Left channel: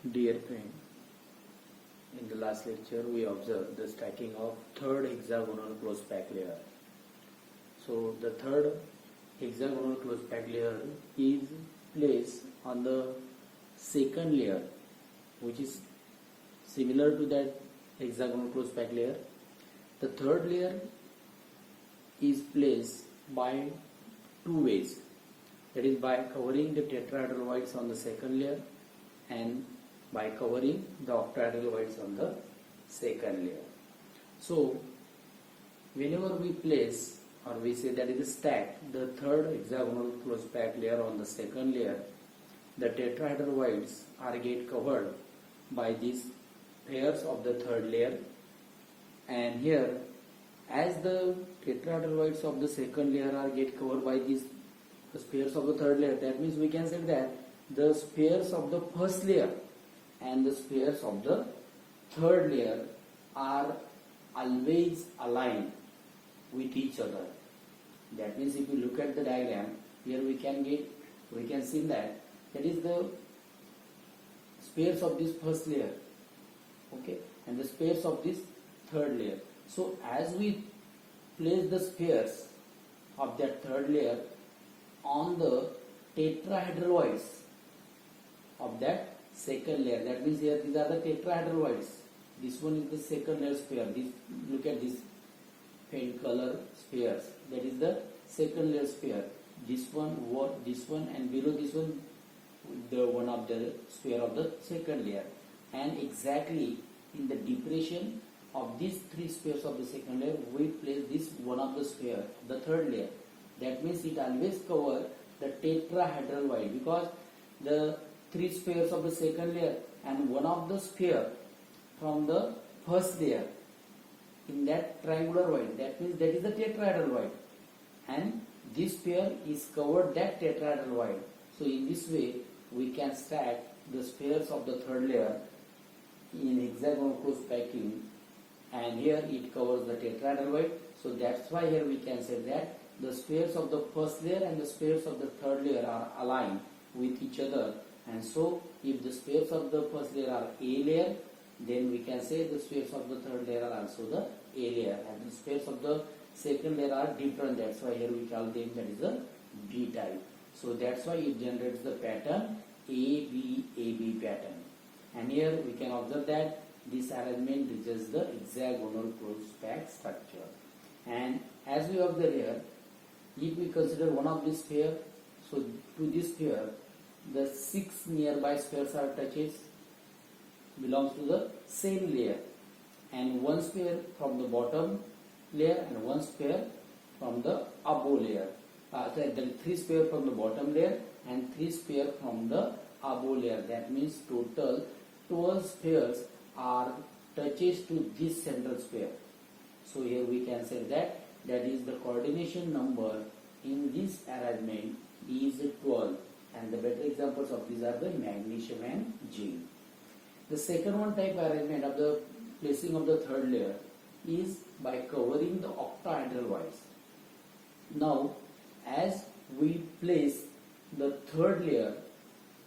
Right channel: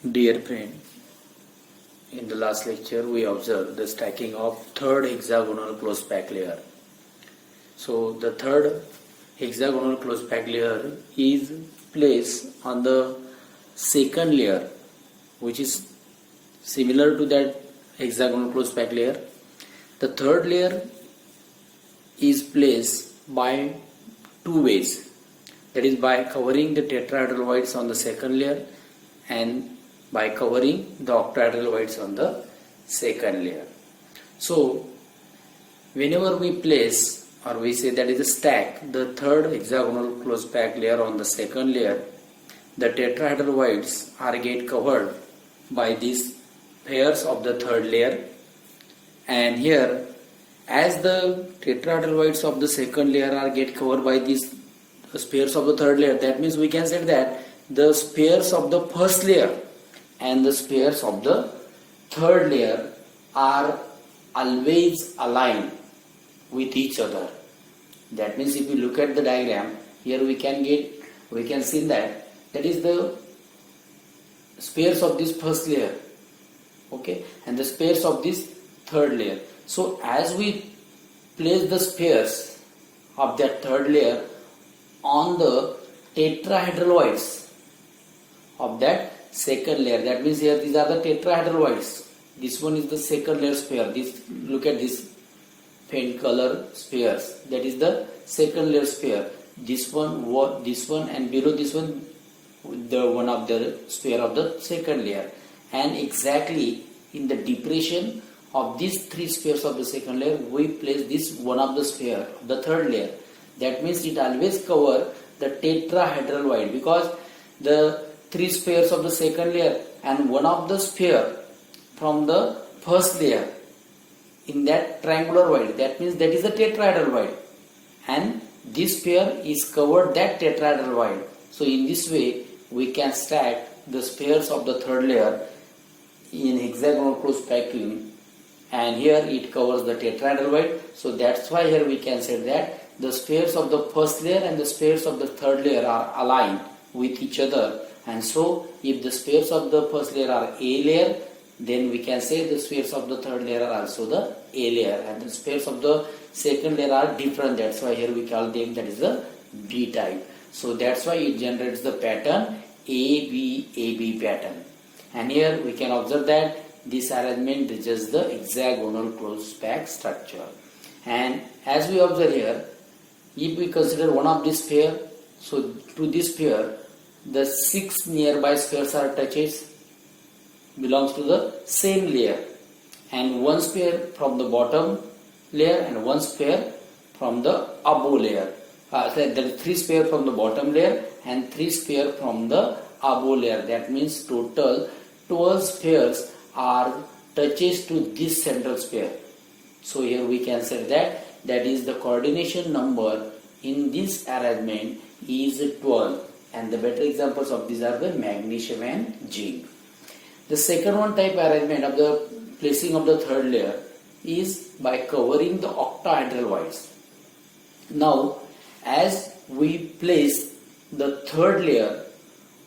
Dear friend, in the last lecture we observed the stacking of third hexagonal close pack layer. So the third hexagonal close pack layer is placed on the second layer, which is similar to that hexagonal close pack layer. The third layer is placed by two ways, that is by covering the tetrahedral voids on the second layer and by covering the octahedral voids on the second layer. So whenever we place, or we say that is a stack, the third hexagonal close pack layer on the second layer, the tetrahedral voids are get covered by these pairs of the third layer, and here as the tetrahedral voids of the second layer are get covered by these pairs of the third layer, that means we can say that the pairs of the first layer and the pairs of the third layer are always aligned with each other. That means if you look at the diagram, here we can see that is the pairs of this first layer, okay, and the pairs of this third layer. So as we place the pairs of that third layer on the tetrahedral voids of that second layer, that means here these are the tetrahedral voids. This one is the second layer sphere. This, look at this faint color spheres, that is the second layer sphere. This one, and below this one, the one of the sphere of the second layer, and exactly in the depression of these three spheres of the second layer we place this one of the sphere of the third layer. That means it always cover the tetrahedral void, because the three spheres of the second layer and one of the sphere from the first layer in that triangular void, that means that is the tetrahedral void, and this sphere is covered that tetrahedral void. So in this way we can stack the spheres of the third layer in hexagonal close packing, and here it covers the tetrahedral void. So that's why here we can say that the spheres of the first layer and the spheres of the third layer are aligned with each other. And so if the spheres of the first layer are A layer, then we can say the spheres of the third layer are also the A layer, and the spheres of the second layer are different. That's why here we call them that is the B type. So that's why it generates the pattern AB pattern. And here we can observe that this arrangement is just the hexagonal close pack structure. And as we observe here, if we consider one of this pair, so to this pair the 6 nearby spheres are touches belongs to the same layer, and one sphere from the bottom layer and one sphere from the above layer. There are 3 spheres from the bottom layer and 3 spheres from the above layer. That means total 12 spheres are touches to this central sphere. So here we can say that is the coordination number in this arrangement is 12, and the better examples of these are the magnesium and zinc. The second one type arrangement of the placing of the third layer is by covering the octahedral voids. Now as we place the third layer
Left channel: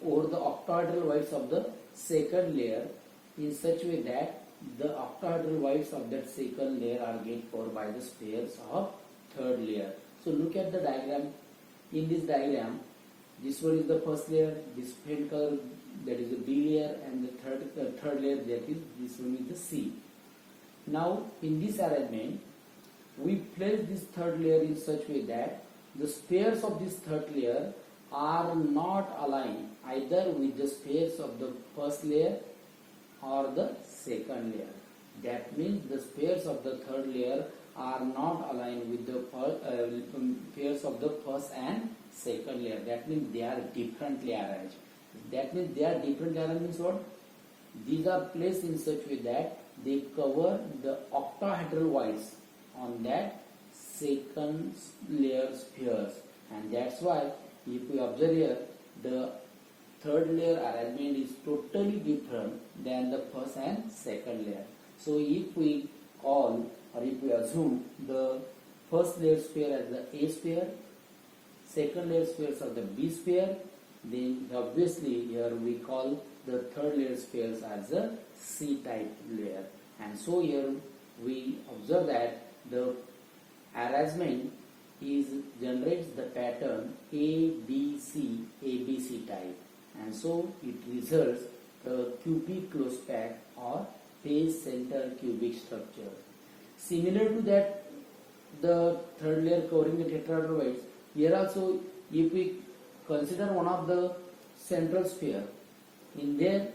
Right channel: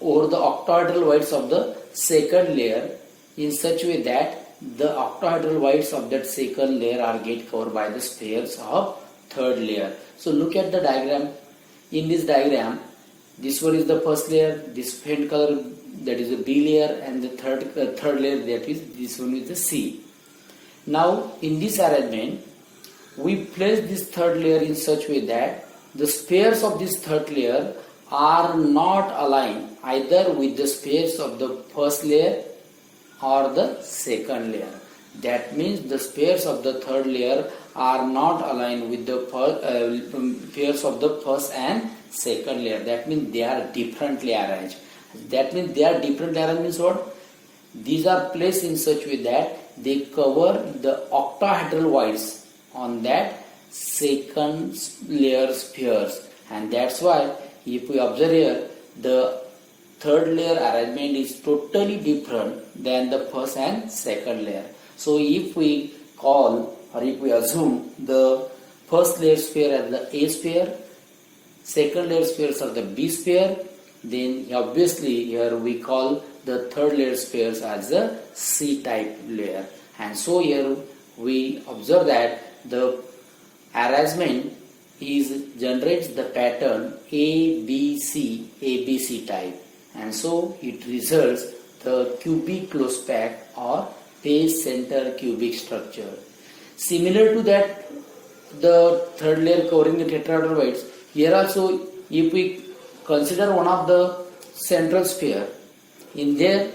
over the octahedral voids of the second layer in such a way that the octahedral voids of that second layer are get covered by the spheres of third layer. So look at the diagram. In this diagram, this one is the first layer, this faint color that is the B layer, and the third layer, that is this one is the C. Now in this arrangement we place this third layer in such a way that the spheres of this third layer are not aligned either with the spheres of the first layer or the second layer. That means the spheres of the third layer are not aligned with the pairs of the first and second layer. That means they are differently arranged. That means they are differently arranged means what? These are placed in such a way that they cover the octahedral voids on that second layer spheres, and that's why if we observe here the third layer arrangement is totally different than the first and second layer. So if we call, or if we assume the first layer sphere as the A sphere, second layer spheres are the B sphere, then obviously here we call the third layer spheres as a C-type layer. And so here we observe that the arrangement generates the pattern ABC type, and so it results the cubic close pack or base center cubic structure. Similar to that, the third layer covering the tetrahedral voids, here also if we consider one of the central sphere, in there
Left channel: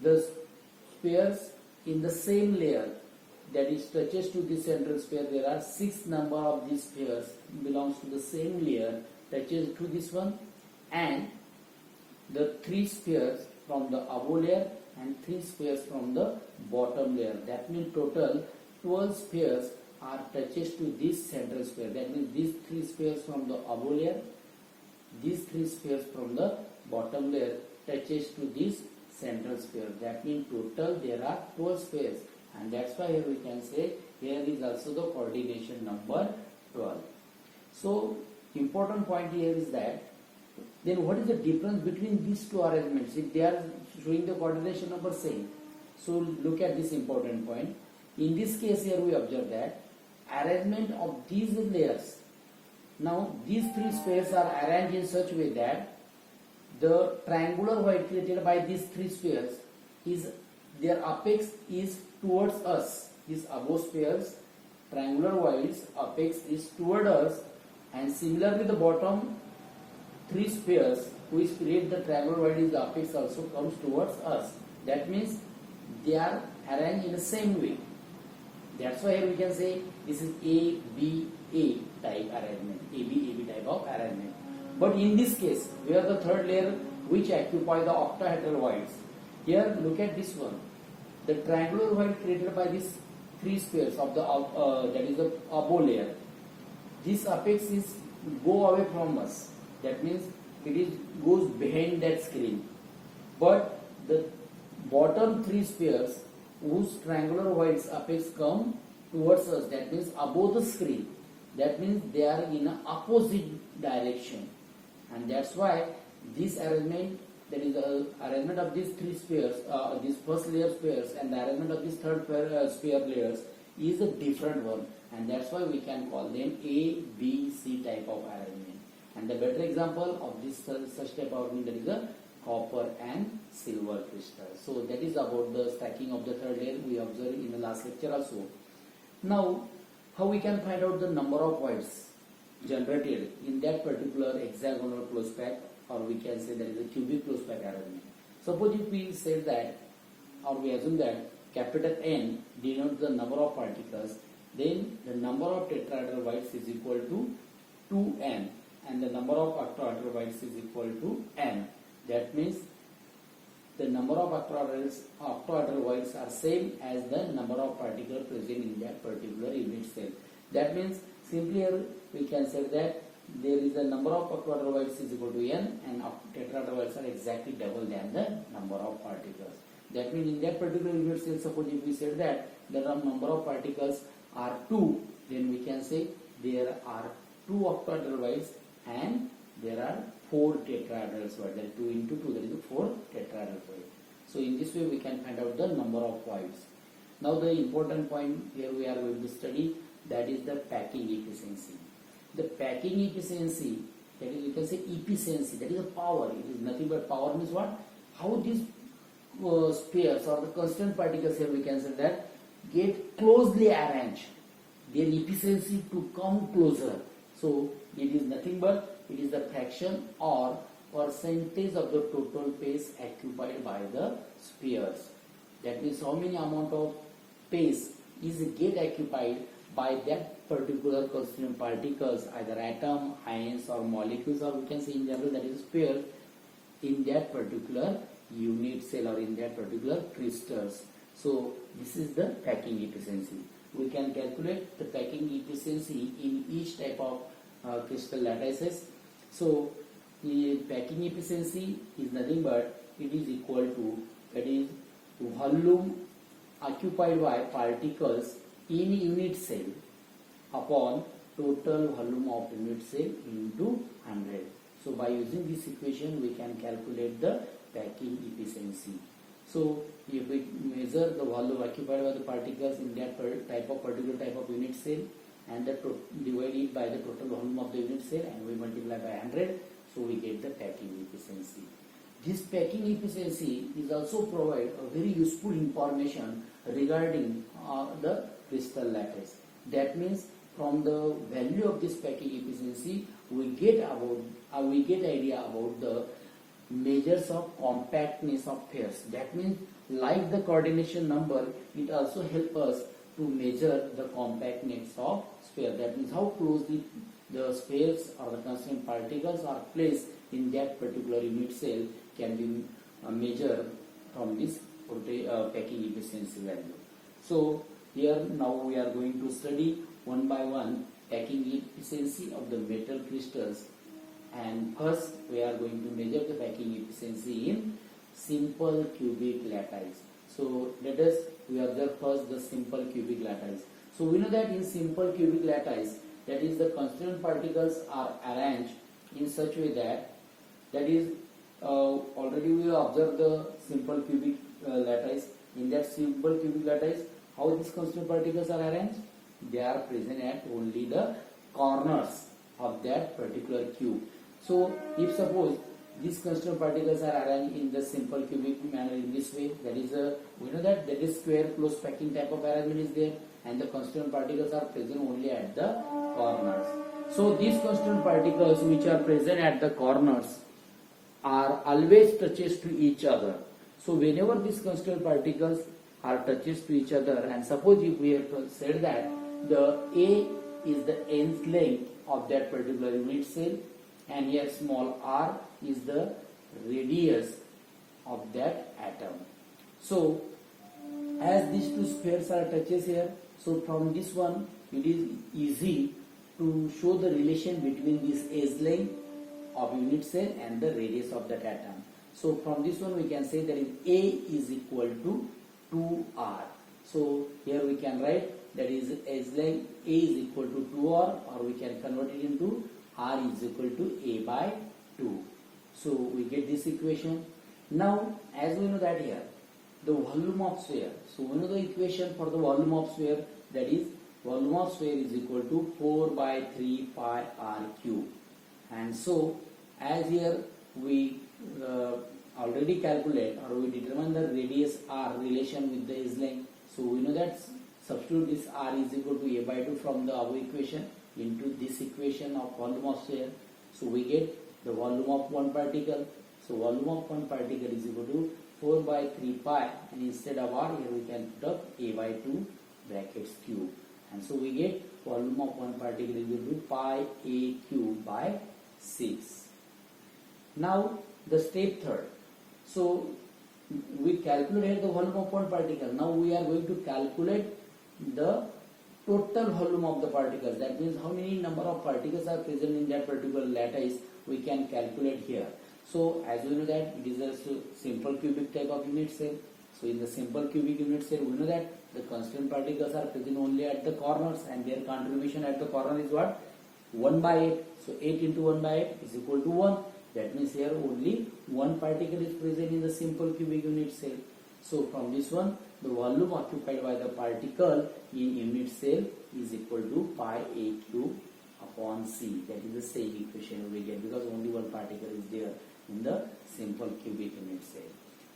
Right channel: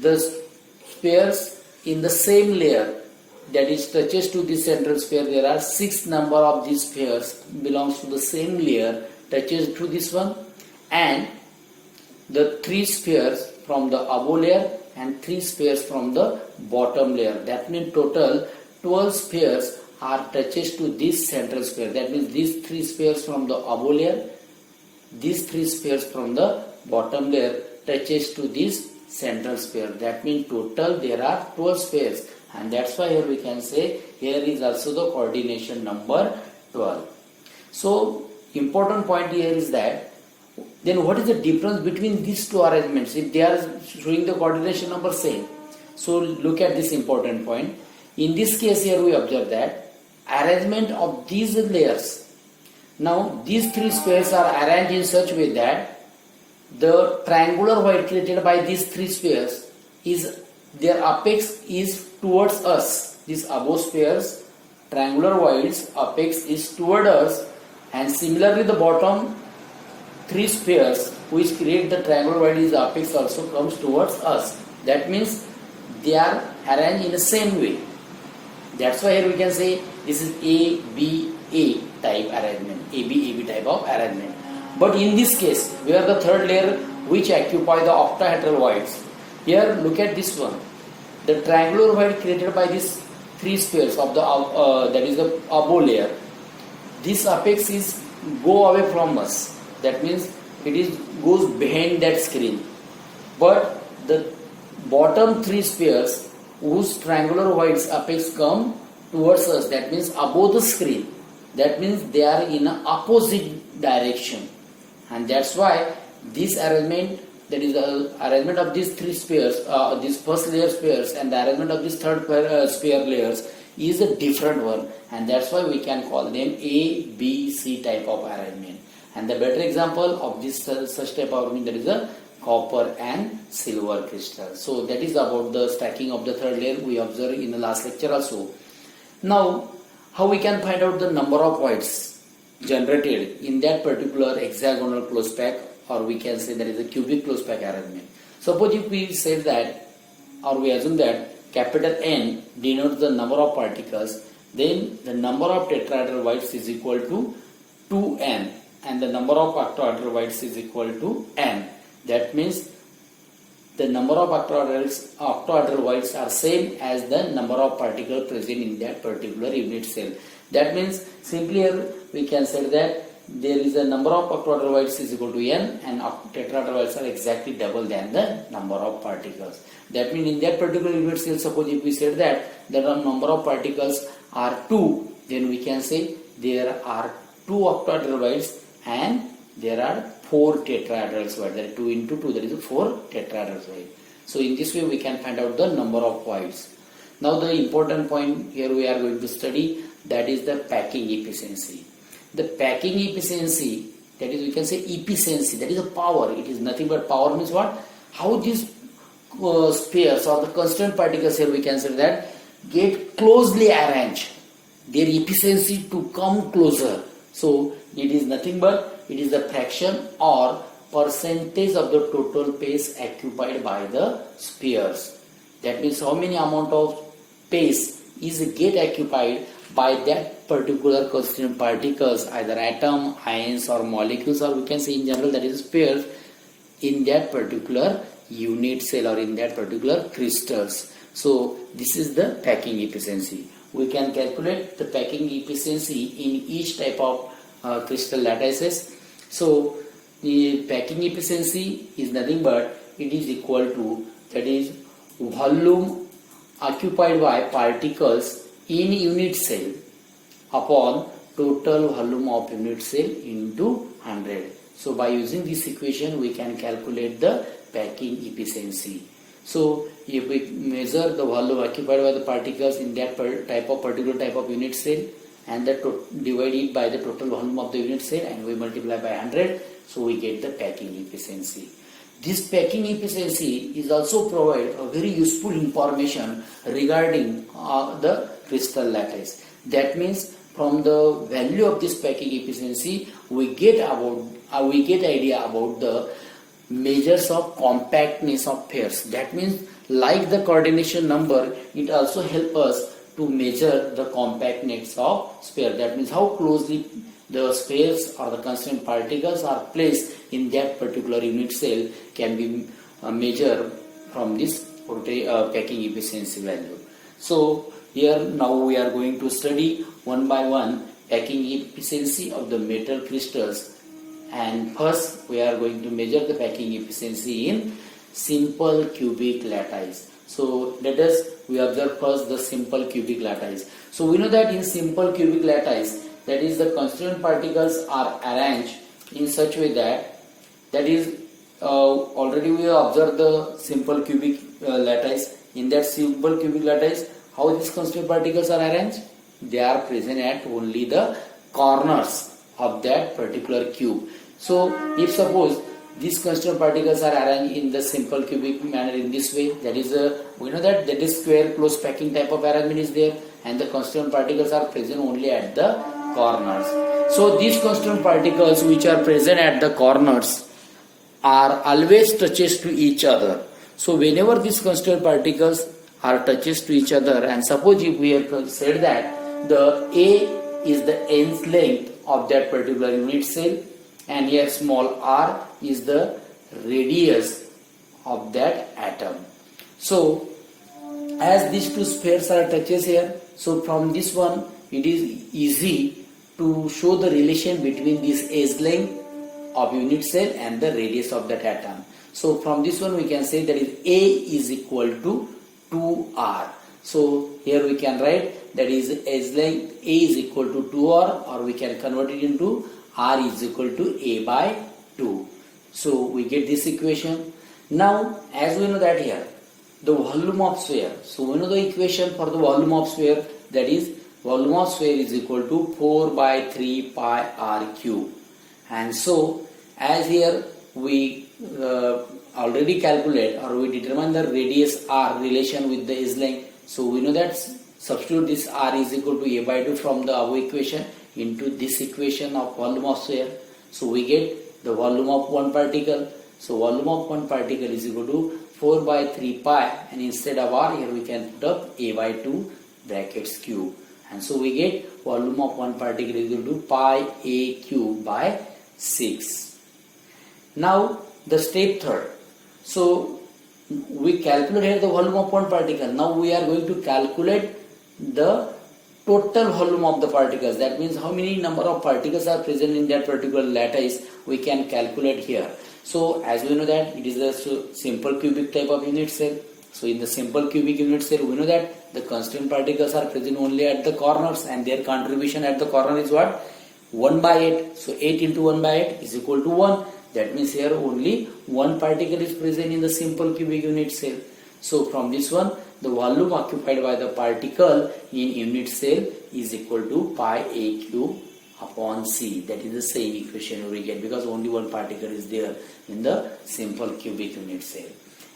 the spheres in the same layer, that is touches to the central sphere, there are 6 number of these spheres belongs to the same layer, touches to this one, and the 3 spheres from the above layer and 3 spheres from the bottom layer. That means total 12 spheres are touches to this central sphere. That means these 3 spheres from the above layer, these 3 spheres from the bottom layer touches to this central sphere. That means total there are 12 spheres, and that's why here we can say here is also the coordination number 12. So important point here is that then what is the difference between these two arrangements if they are showing the coordination number same? So look at this important point. In this case here we observe that arrangement of these layers. Now these 3 spheres are arranged in such way that the triangular void created by these 3 spheres is their apex is towards us. These above spheres, triangular voids, apex is toward us, and similarly the bottom 3 spheres which create the triangular void is apex also comes towards us. That means they are arranged in the same way. That's why here we can say this is ABA type arrangement, AB type of arrangement. But in this case, we have the third layer which occupy the octahedral voids. Here look at this one. The triangular void created by these 3 spheres of the that is the above layer. This apex is go away from us. That means it goes behind that screen. But the bottom 3 spheres whose triangular voids apex come towards us, that means above the screen. That means they are in an opposite direction, and that's why this arrangement, that is the arrangement of these 3 spheres, these first layer spheres, and the arrangement of these third sphere layers is a different one, and that's why we can call them A, B, C type of arrangement. And the better example of this such type of arrangement, that is a copper and silver crystal. So that is about the stacking of the third layer we observed in the last lecture also. Now, how we can find out the number of voids generated in that particular hexagonal close pack, or we can say that is a cubic close pack arrangement. Suppose if we say that, or we assume that capital N denotes the number of particles, then the number of tetrahedral voids is equal to 2n, and the number of octahedral voids is equal to n. That means the number of octahedral voids are same as the number of particles present in that particular unit cell. That means simply here we can say that there is a number of octahedral voids is equal to n, and tetrahedral voids are exactly double than the number of particles. That means in that particular unit cell, suppose if we said that the number of particles are 2, then we can say there are 2 octahedral voids and there are 4 tetrahedral voids. That is 2 into 2, that is 4 tetrahedral voids. So in this way we can find out the number of voids. Now the important point here we are going to study, that is the packing efficiency. The packing efficiency, that is we can say efficiency, that is a power. It is nothing but power means what? How these spheres or the constant particles here we can say that get closely arranged. Their efficiency to come closer. So it is nothing but it is the fraction or percentage of the total space occupied by the spheres. That means how many amount of space is get occupied by that particular constituent particles, either atom, ions or molecules, or we can say in general that is spheres in that particular unit cell or in that particular crystals. So this is the packing efficiency. We can calculate the packing efficiency in each type of crystal lattices. So the packing efficiency is nothing but it is equal to, that is volume occupied by particles in unit cell upon total volume of unit cell into 100. So by using this equation we can calculate the packing efficiency. So if we measure the volume occupied by the particles in that particular type of unit cell and divide it by the total volume of the unit cell and we multiply by 100, so we get the packing efficiency. This packing efficiency is also provide a very useful information regarding the crystal lattice. That means from the value of this packing efficiency we get idea about the measures of compactness of pairs. That means like the coordination number, it also helps us to measure the compactness of sphere. That means how closely the spheres or the constituent particles are placed in that particular unit cell can be measured from this packing efficiency value. So here now we are going to study one by one packing efficiency of the metal crystals, and first we are going to measure the packing efficiency in simple cubic lattice. So we observe first the simple cubic lattice. So we know that in simple cubic lattice, that is the constituent particles are arranged in such way that is already we observed the simple cubic lattice. In that simple cubic lattice, how these constituent particles are arranged? They are present at only the corners of that particular cube. So if suppose these constituent particles are arranged in the simple cubic manner in this way, that is we know that is square close packing type of arrangement is there, and the constituent particles are present only at the corners. So these constituent particles which are present at the corners are always touches to each other. So whenever these constituent particles are touches to each other, and suppose if we have said that the A is the nth length of that particular unit cell, and here small r is the radius of that atom. So as these two spheres are touches here, so from this one it is easy to show the relation between this edge length of unit cell and the radius of that atom. So from this one we can say that is A is equal to 2r. So here we can write that is edge length A is equal to 2r, or we can convert it into r is equal to A by 2. So we get this equation. Now as we know that here the volume of sphere, so we know the equation for the volume of sphere, that is volume of sphere is equal to 4 by 3 pi r cube. And so as here we already calculate or we determine the radius r relation with the edge length. So we know that substitute this r is equal to A by 2 from the above equation into this equation of volume of sphere. So we get the volume of one particle. So volume of one particle is equal to 4 by 3 pi, and instead of r here we can put up A by 2 brackets cube. And so we get volume of one particle is equal to pi A cube by 6. Now the step third. So we calculate here the volume of one particle. Now we are going to calculate the total volume of the particles. That means how many number of particles are present in that particular lattice we can calculate here. So as we know that it is a simple cubic type of unit cell. So in the simple cubic unit cell we know that the constituent particles are present only at the corners, and their contribution at the corner is what? 1 by 8. So 8 into 1 by 8 is equal to 1. That means here only one particle is present in the simple cubic unit cell. So from this one the volume occupied by the particle in unit cell is equal to pi A cube upon C. That is the same equation we get because only one particle is there in the simple cubic unit cell.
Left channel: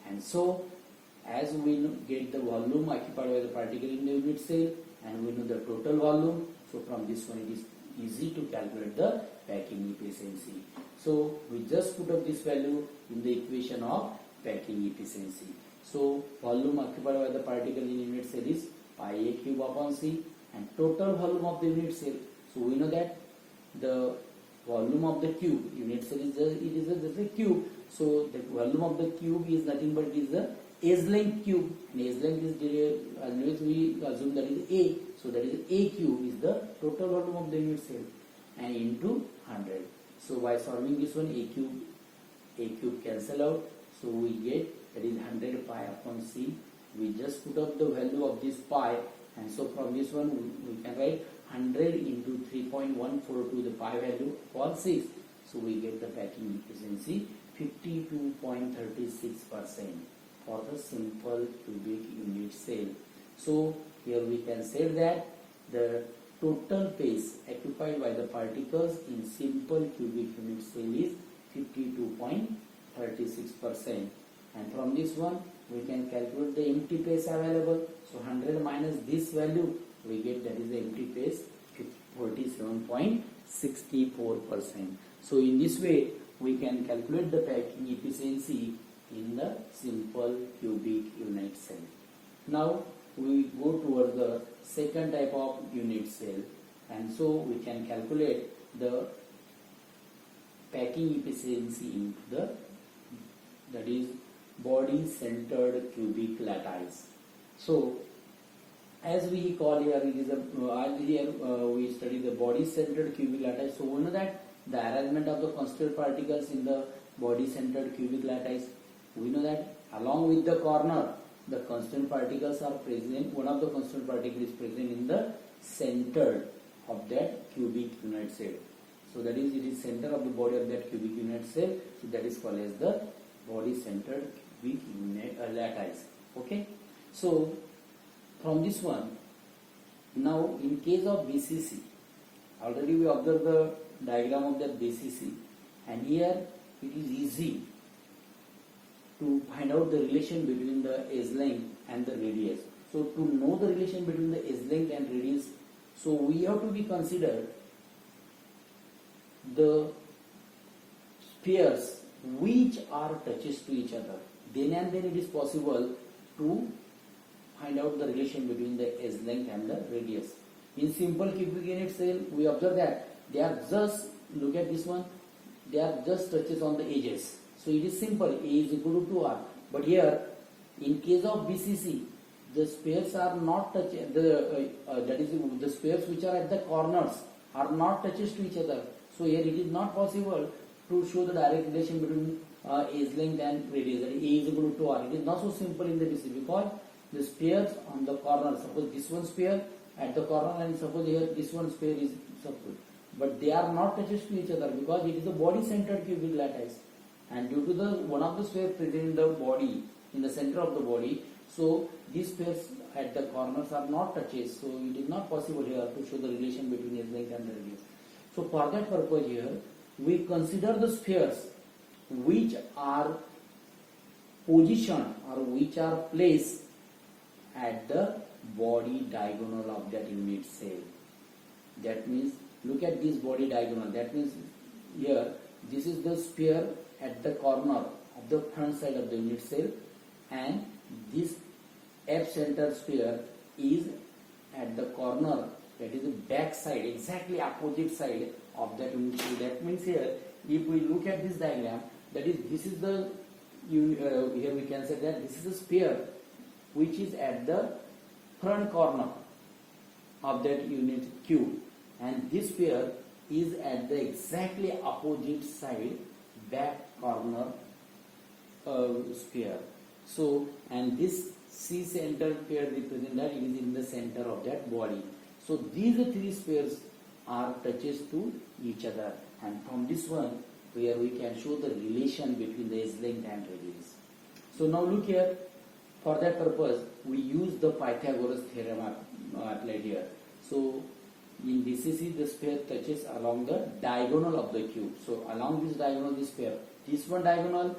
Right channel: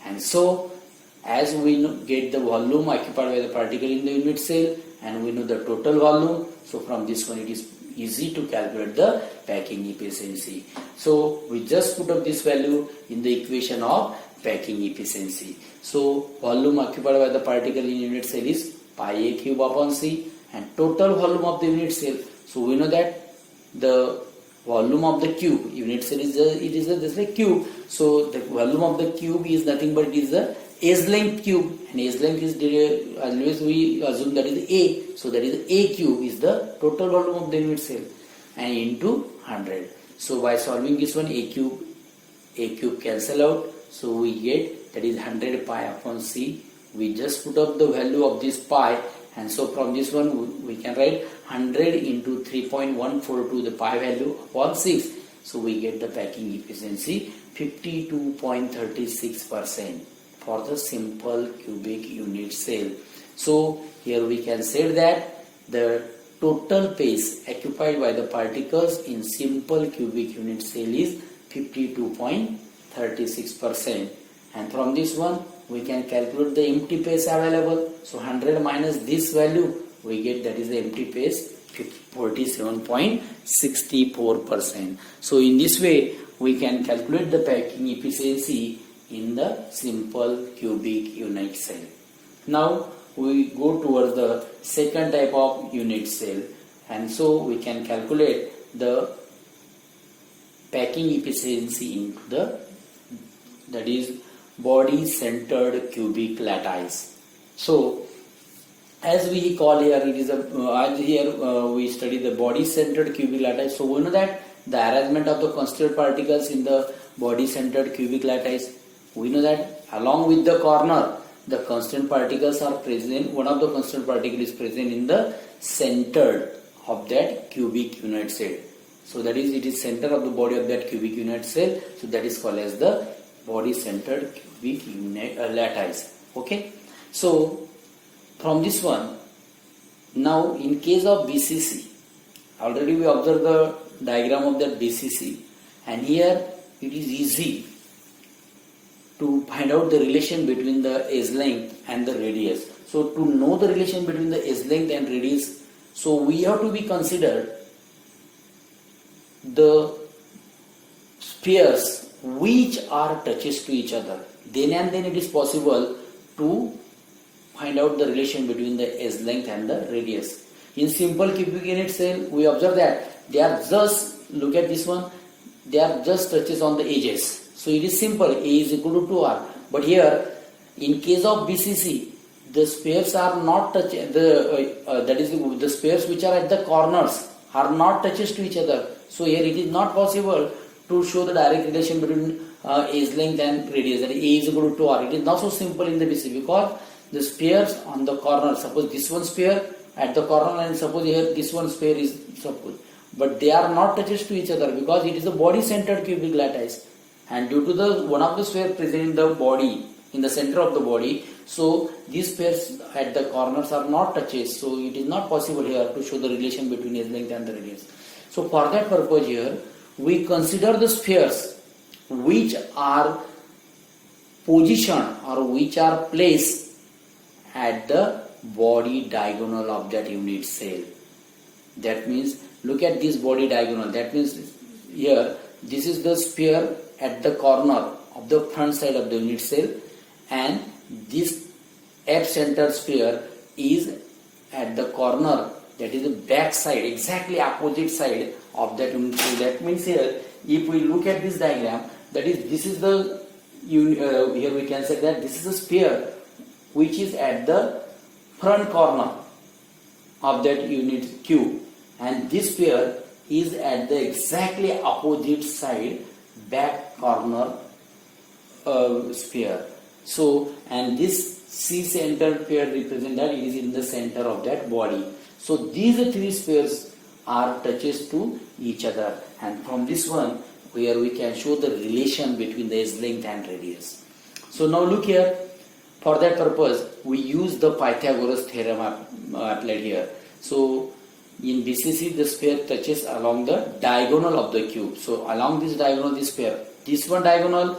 And so as we get the volume occupied by the particle in the unit cell and we know the total volume, so from this one it is easy to calculate the packing efficiency. So we just put up this value in the equation of packing efficiency. So volume occupied by the particle in unit cell is pi A cube upon C, and total volume of the unit cell. So we know that the volume of the cube, unit cell is just a cube. So the volume of the cube is nothing but it is the edge length cube, and edge length is always we assume that is A. So that is A cube is the total volume of the unit cell, and into 100. So by solving this one, A cube cancel out. So we get that is 100 pi upon C. We just put up the value of this pi, and so from this one we can write 100 into 3.142 the pi value upon 6. So we get the packing efficiency 52.36% for the simple cubic unit cell. So here we can say that the total space occupied by the particles in simple cubic unit cell is 52.36%, and from this one we can calculate the empty space available. So 100 minus this value we get, that is the empty space 47.64%. So in this way we can calculate the packing efficiency in the simple cubic unit cell. Now we go towards the second type of unit cell, and so we can calculate the packing efficiency in the, that is, body centered cubic lattice. So as we call here, it is a we study the body centered cubic lattice. So we know that the arrangement of the constituent particles in the body centered cubic lattice, we know that along with the corner the constant particles are present, one of the constant particles is present in the center of that cubic unit cell. So that is, it is center of the body of that cubic unit cell, so that is called as the body centered cubic unit lattice. Okay, so from this one, now in case of BCC, already we observed the diagram of that BCC, and here it is easy to find out the relation between the edge length and the radius. So to know the relation between the edge length and radius, so we have to be considered the spheres which are touches to each other. Then and then it is possible to find out the relation between the edge length and the radius. In simple cubic unit cell, we observe that they are just, look at this one, they are just touches on the edges. So it is simple, A is equal to 2R. But here, in case of BCC, the spheres are not touching, that is, the spheres which are at the corners are not touches to each other. So here it is not possible to show the direct relation between edge length and radius, that is, A is equal to 2R. It is not so simple in the BCC because the spheres on the corner, suppose this one sphere at the corner and suppose here this one sphere is suppose, but they are not touches to each other because it is a body centered cubic lattice, and due to the one of the sphere present in the body, in the center of the body, so these spheres at the corners are not touches, so it is not possible here to show the relation between edge length and the radius. So for that purpose here we consider the spheres which are positioned or which are placed at the body diagonal of that unit cell. That means, look at this body diagonal, that means here this is the sphere at the corner of the front side of the unit cell, and this F-centered sphere is at the corner, that is the back side, exactly opposite side of that unit cell. That means here, if we look at this diagram, that is, this is the, here we can say that this is a sphere which is at the front corner of that unit cube, and this sphere is at the exactly opposite side back corner sphere. So, and this C-centered sphere represents that it is in the center of that body. So these three spheres are touches to each other, and from this one where we can show the relation between the edge length and radius. So now look here, for that purpose we use the Pythagoras Theorem applied here. So in BCC the sphere touches along the diagonal of the cube. So along this diagonal, this sphere, this one diagonal,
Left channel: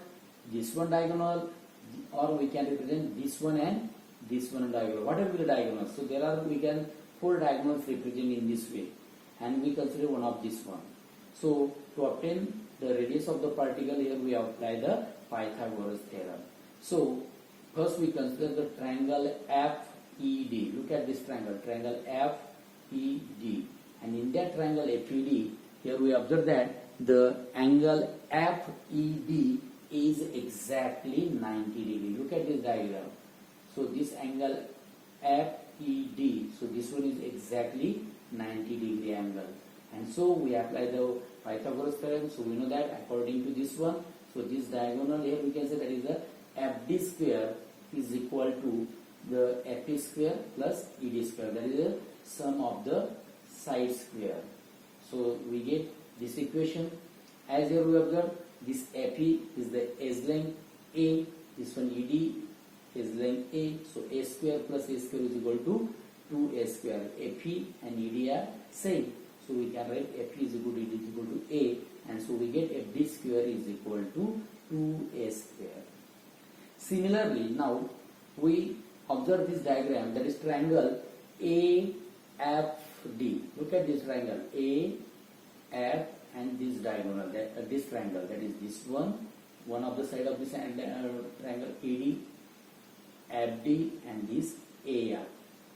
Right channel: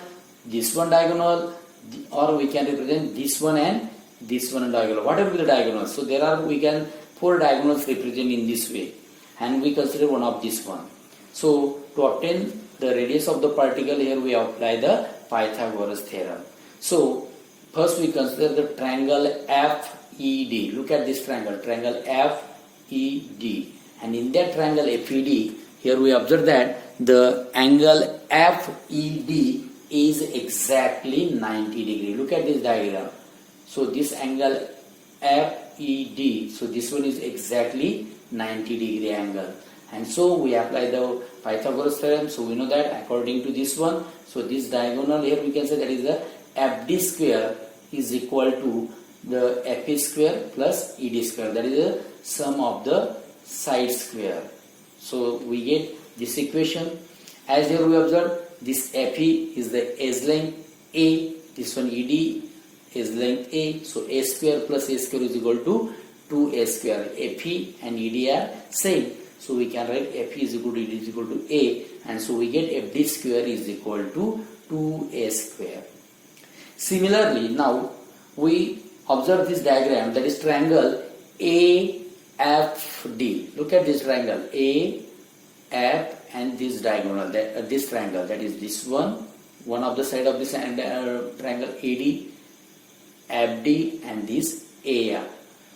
or we can represent this one and this one diagonal, whatever the diagonal. So there are, we can 4 diagonals represent in this way, and we consider one of this one. So to obtain the radius of the particle, here we apply the Pythagoras Theorem. So first we consider the triangle FED. Look at this triangle FED, and in that triangle FED, here we observe that the angle FED is exactly 90 degree. Look at this diagram. So this angle FED, so this one is exactly 90 degree angle, and so we apply the Pythagoras theorem. So we know that according to this one, so this diagonal here we can say that is the FD square is equal to the FE square plus ED square, that is the sum of the side square. So we get this equation, as here we observe, this FE is the edge length A, this one ED is length A, so A square plus A square is equal to 2A square. FE and ED are same, so we can write FE is equal to ED is equal to A, and so we get FD square is equal to 2A square. Similarly, now we observe this diagram, that is triangle AFD. Look at this triangle AF and this diagonal, this triangle, that is this one of the side of this triangle AD, FD and this AF.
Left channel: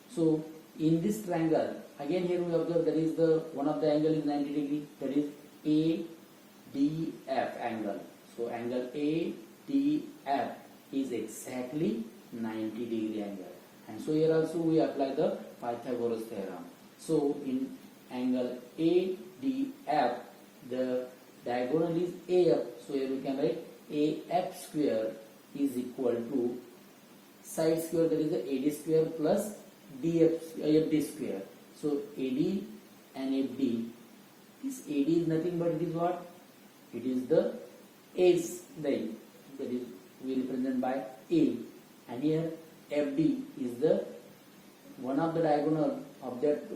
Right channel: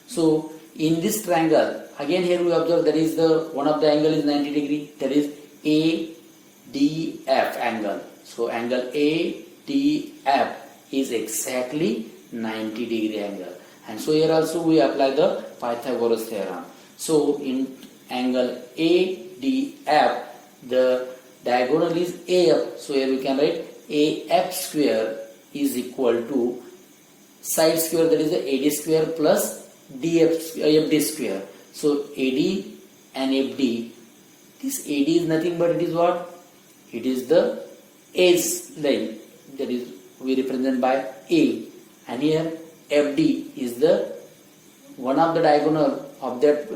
So in this triangle, again here we observe that is the one of the angle is 90 degree, that is ADF angle. So angle ADF is exactly 90 degree angle, and so here also we apply the Pythagoras theorem. So in angle ADF, the diagonal is AF, so here we can write AF square is equal to side square, that is the AD square plus FD square. So AD and FD, this AD is nothing but it is what? It is the edge length, that is we represent by A, and here FD is the one of the diagonal of that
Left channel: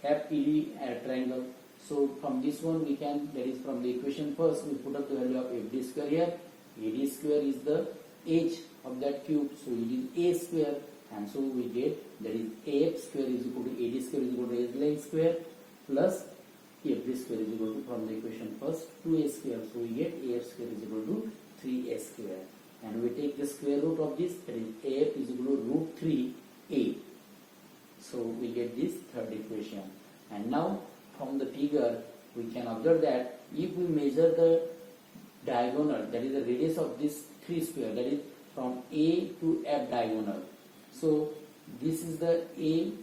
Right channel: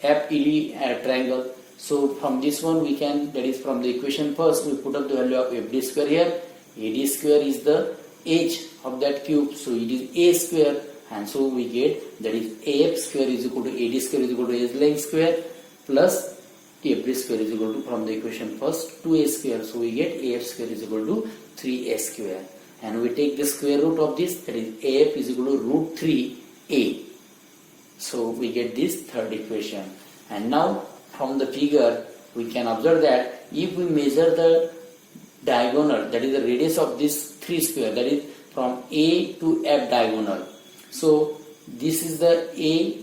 FED triangle. So from this one we can, that is from the equation first, we put up the value of FD square here. AD square is the edge of that cube, so it is A square, and so we get that is AF square is equal to AD square is equal to edge length square plus FD square is equal to, from the equation first, 2A square, so we get AF square is equal to 3A square, and we take the square root of this, that is AF is equal to root 3A. So we get this third equation. And now from the figure we can observe that if we measure the diagonal, that is the radius of this 3 square, that is from A to F diagonal. So this is the A,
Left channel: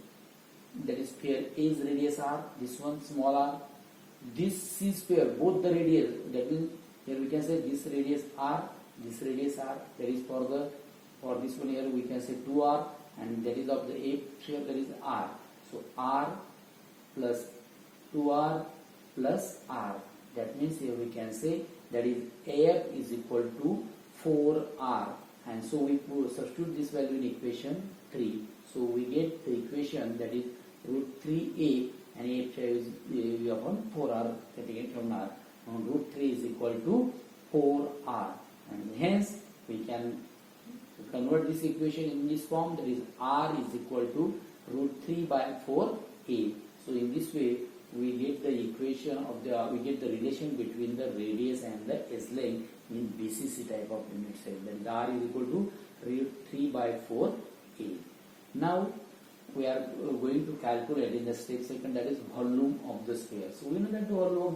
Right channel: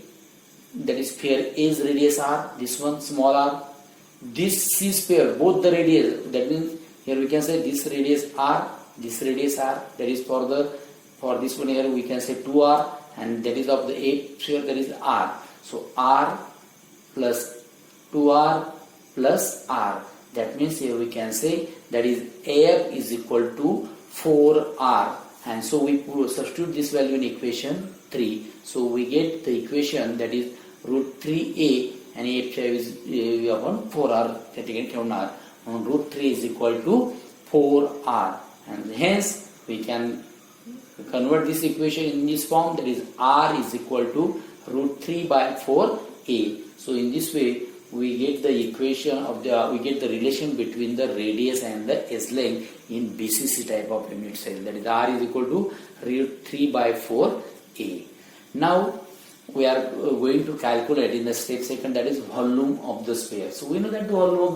that is sphere A's radius R, this one small r. This C sphere, both the radius, that means here we can say this radius R, this radius R, that is for this one here we can say 2R, and that is of the A sphere, that is R. So R plus 2R plus R, that means here we can say that is AF is equal to 4R, and so we substitute this value in equation 3. So we get the equation that is root 3A and AF is upon 4R, that again count R, on root 3 is equal to 4R, and hence we can convert this equation in this form, that is R is equal to root 3 by 4A. So in this way we get the equation of we get the relation between the radius and the edge length in BCC type of unit cell, that is R is equal to root 3 by 4A. Now we are going to calculate in the step second, that is volume of the sphere. So we know that the volume of